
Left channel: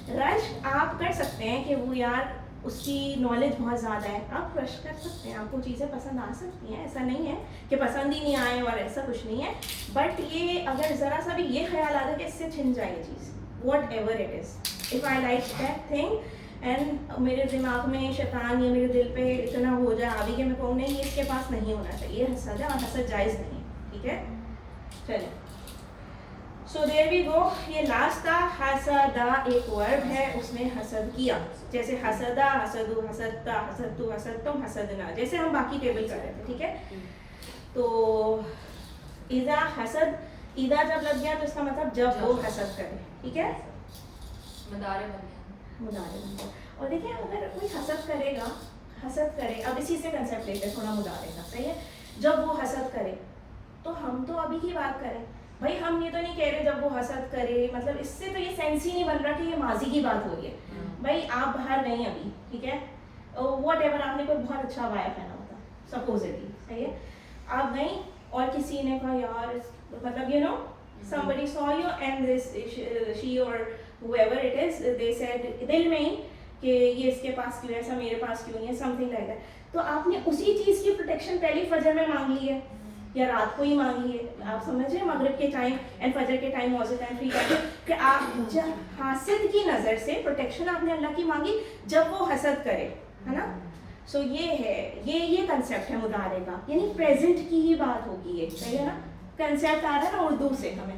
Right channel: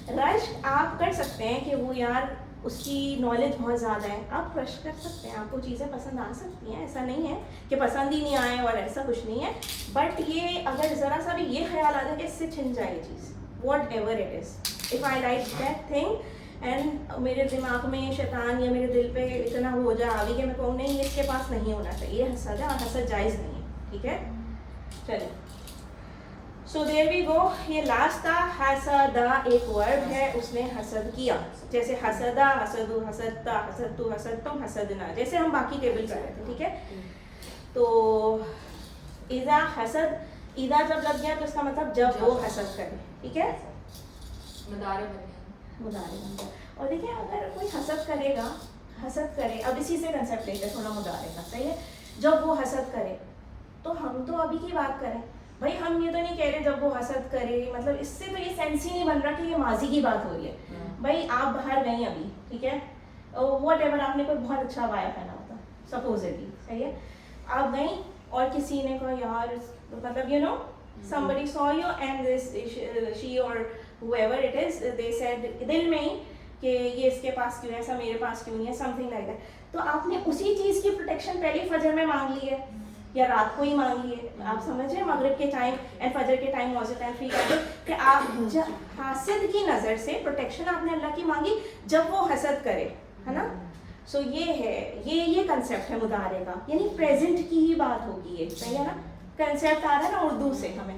رش آپ کر سکتے ہیں کہ وہ یار اس کی نالج بہت زیادہ ہے, آپ رش کر سکتے ہیں, آپ کو چیزیں پسند آ سکتی ہیں, ایسا نہیں ہے کہ پسند ہی نہیں آئے, اور ایسا کچھ نہیں ہے. بٹ یہ اگر ذرا سا بھی یہ خیال آتا ہے کہ اس سے چھن جائے یہ چیز, what ever it is, if I like that thing and میرے دماغ میں شیطان یا میرے دل پہ اتنا ہو جائے ابھی کہ میں کہوں نہیں اس کے پاس نہیں ہونا چاہیے, یہ حسد ہے اور حسد جائز نہیں ہے, ٹھیک ہے. چلیں, سو دیر وی گو. یہ لاسٹ تھا حسدا, ایک ورڈ ہے, اس نے حسد کیا. جیسے حسدا, حسدو, حسدتا, حسدتو, حسدتم, حسدنا, جیسے ہم باقی ٹیبل کر رہے تھے, ٹھیک ہے. تو اذا حسد, اذا جب لگ گیا تو اس کا مطلب جب وہ حسد کرے, ٹھیک ہے, مدارے بن گیا. اور دیکھیں اگر کوئی حسد کرے گا, حسد کرے, اب اسی سے کنسیپٹ لیتے تھوڑا مدارے کا, صحیح ہے. جب وہ حسد کرے تو ہم تو ابھی کی بات کریں بھائی, ہم یہ تو نہیں کہہ رہے جب وہ حسد کرے, مطلب اس سے تو یہ سینس ہی نہیں بن رہا کہ یہ ماضی کی بات ہو رہی ہے. بھائی آپ باہر گئیں ابھی, ٹھیک ہے, واٹ ایور, آپ نے کوئی بہت اچھا بایا پہنا ہوتا سپوزٹلی, صحیح ہے, آپ گئیں اور کسی نے کہا یار, مطلب you know somebody saw you and this she or whoever it is, they said دل میں ہی کہ یہ اس کے پاس کیوں ہے, ایسا میرے پاس کیوں نہیں ہے, something like that. تو آپ نے اسی چیز کی پروٹیکشن پہلے فجر میں مانگ لی ہے یا رات کو ہی مانگ لیے, آپ سمجھ رہے ہیں, مغرب کے ٹائم اینڈ فجر کے ٹائم موجود ہے فری ٹائم, کہ آپ حاسد کی نظر سے پروٹیکشن آپ نے اللہ کی مانگی جب وہ حسد کرے, ہے نا. سو یہ ہے, یہ کنسیپٹ ہے مدارے کا, یعنی پریزنٹ کی ہی بات ہوگی یہ, صحیح ہے نا. کنسیپٹ آ رہا ہے نا اردو سے ہمیں.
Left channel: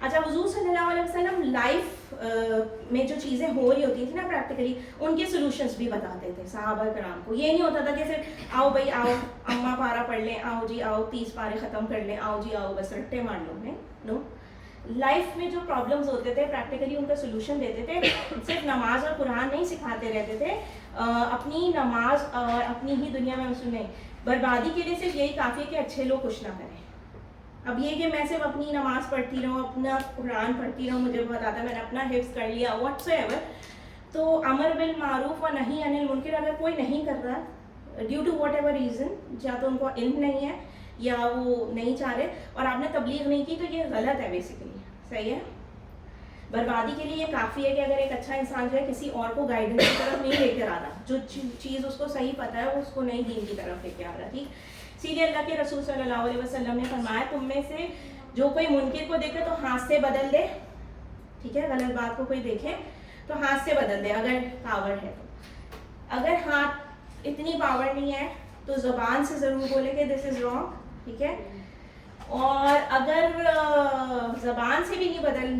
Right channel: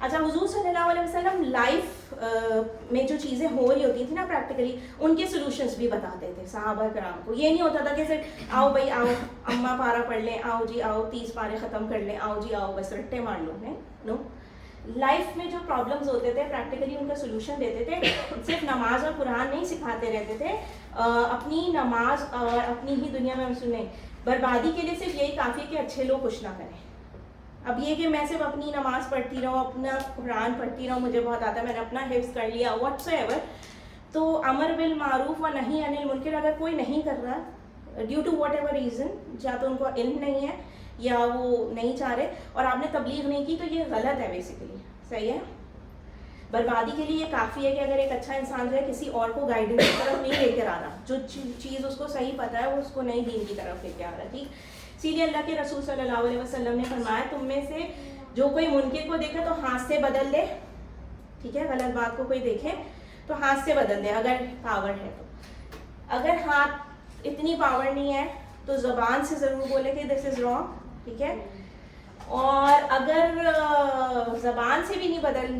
اچھا حضور صلی اللہ علیہ وسلم لائف میں جو چیزیں ہو رہی ہوتی تھیں نا پریکٹیکلی ان کے سولوشنس بھی بتاتے تھے صحابہ کرام کو. یہ نہیں ہوتا تھا کہ صرف آؤ بھائی آؤ اماں پارا پڑھ لیں, آؤ جی آؤ 30 پارے ختم کر لیں, آؤ جی آؤ بس رٹے مار لو. نو, لائف میں جو پرابلمز ہوتے تھے پریکٹیکلی ان کا سولوشن دیتے تھے. صرف نماز اور قرآن نہیں سکھاتے رہتے تھے, اپنی نماز اور اپنی ہی دنیا میں سنیں بربادی کے لیے صرف یہی کافی ہے کہ اچھے لوگ کچھ نہ کریں. اب یہ کہ میں صرف اپنی نماز پڑھتی رہوں, اپنا قرآن پڑھتی رہوں, مجھے بہت آتا ہے, میں نے اپنا حفظ کر لیا واٹ سو ایور, تو امر بالمعروف و نہی عن المنکر اگر کوئی نہیں کر رہا due to whatever reason, یا تو ان کو علم نہیں ہے یا وہ نہیں چاہ رہے, اور آپ نے تبلیغ نہیں کی, تو یہ غلط ہے بیسیکلی. صحیح ہے. بربادی کے لیے یہ کافی ہے کہ اگر ایک اچھا انسان جو ہے کسی اور کو گائیڈنس کی طرف نہیں لے کر آ رہا, جو چیز اس کو صحیح پتہ ہے وہ اس کو نہیں دین کی طرف لے کے آ رہا. ٹھیک, سیدھے اللہ کے رسول صلی اللہ علیہ وسلم نے فرمایا تم میں سے جو کوئی منکر کو دیکھے تو ہاتھ سے بدل دے. ٹھیک ہے, غلط بات کو کوئی دیکھے تو ہاتھ سے بدل دے اگر پاور ہے تو. اگر ہاتھ اتنی پاور نہیں ہے تو زبان سے ضرور بولے کہ دس از رانگ. ٹھیک ہے, اور اگر زبان سے بھی نہیں بدل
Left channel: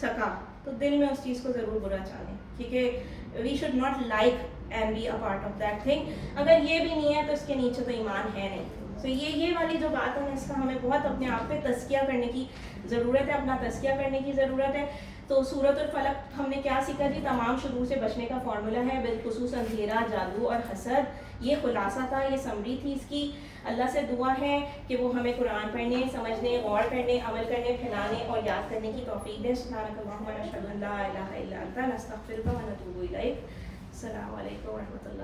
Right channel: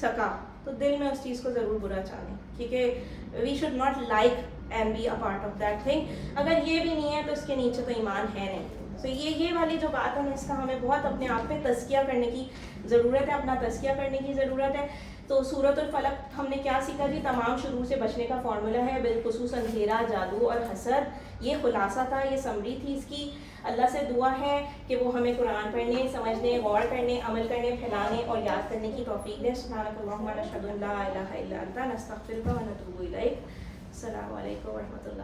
سکا تو دل میں اس چیز کو ضرور برا چاہیں, کیونکہ we should not like and be a part of that thing. اگر یہ بھی نہیں ہے تو اس کے نیچے تو ایمان ہے نہیں. تو یہ والی جو بات ہے نا, اس کا ہمیں بہت اپنے آپ پہ تزکیہ کرنے کی ضرورت ہے, اپنا تزکیہ کرنے کی ضرورت ہے. تو سورۃ الفلق ہم نے کیا سیکھا جی, تمام شرور سے بچنے کا فارمولا ہے, بالخصوص اندھیرا, جادو اور حسد. یہ خلاصہ تھا, یہ سمری تھی اس کی. اللہ سے دعا ہے کہ وہ ہمیں قرآن پڑھنے, سمجھنے, غور کرنے, عمل کرنے, پھیلانے اور یاد کرنے کی توفیق دے. سبحانک اللہم و نشہد ان لا الہ الا انت نستغفرک و نتوب الیک. السلام علیکم و رحمۃ اللہ.